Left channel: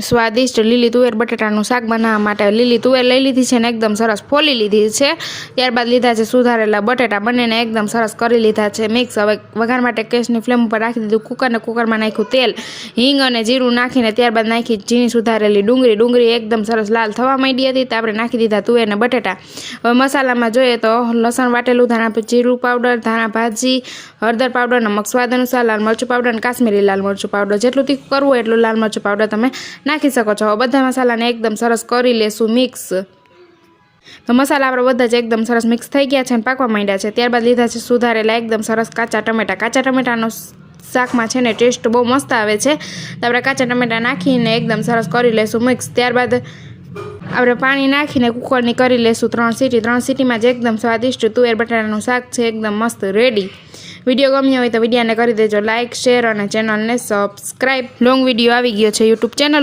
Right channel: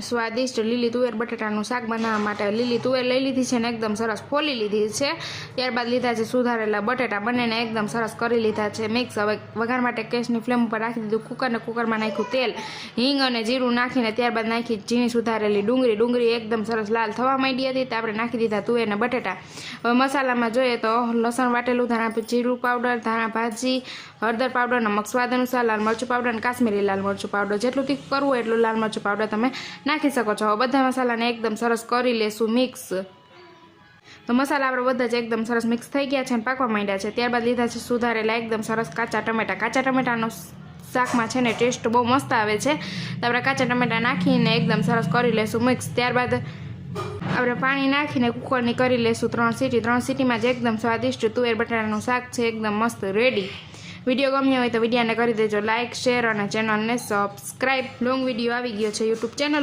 સ્વાદિષ્ટ લીલી તુવેર બટેટાનું શાક બનાવવા માટે લીલી તુવેર લઈ લીધી છે ને એકદમ સરસ ફોલી લીધી છે। ત્યારબાદ લીધા છે સુધારેલા બટેટા, બંનેને એકદમ સરસ કરી લીધા છે મિક્સ। હવે વઘાર માટે ગેસની ફ્લેમ ઉપર રાખી દીધું કુકરને, કુકરમાં નાખ્યું તેલ, હિંગ અને જીરું નાખીને ત્યારબાદ નાખી ઝીણી સુધારેલી ડુંગળી એકદમ સરસ લાલ થવા માંડી હતી તો આપણે નાખી દીધા તુવેર ને બટેટા। હવે મસાલામાં જોઈએ તો લસણ વાટેલું, ધાણા જીરું પાવડર, ધાણા ભાજી, હળદર પાવડર, નમક સ્વાદ અનુસાર, લાલ મરચું પાવડર અને કાશ્મીરી લાલ મરચું પાવડર, જેટલું તીખું કરવું હોય એટલું લાલ મરચું પાવડર તમે નાખી શકો છો। હવે બધા મસાલાને એકદમ સરસ કરી લેશું મિક્સ। તો મસાલા આપણે બધા જ એકદમ સરસ મિક્સ થઈ ગયા છે અને પાકવા માંડ્યા છે। ત્યારબાદ લીધા છે સુધારેલા એકદમ સરસ કાચા ટમેટાનો શાકમાં છે ને ટેસ્ટ બહુ મસ્ત આવે છે તો આપણે કાચા ટમેટા નાખીને એકદમ સરસ કરી લેશું મિક્સ। ત્યારબાદ આપણે પાણી નાખીને કુકરની કરી લેશું 3 સીટી। 3 સીટીમાં જ એકદમ સ્વાદિષ્ટ તુવેર બટાટાનું શાક છે એકદમ મસ્ત રેડી। વિડીયો ગમ્યો હોય તો વિડીયોને કરી દેજો લાઇક, શેર અને ચેનલને સબસ્ક્રાઈબ। લોંગ વિડીયો આવી ગયો છે યુટ્યુબ ચેનલ ઉપર।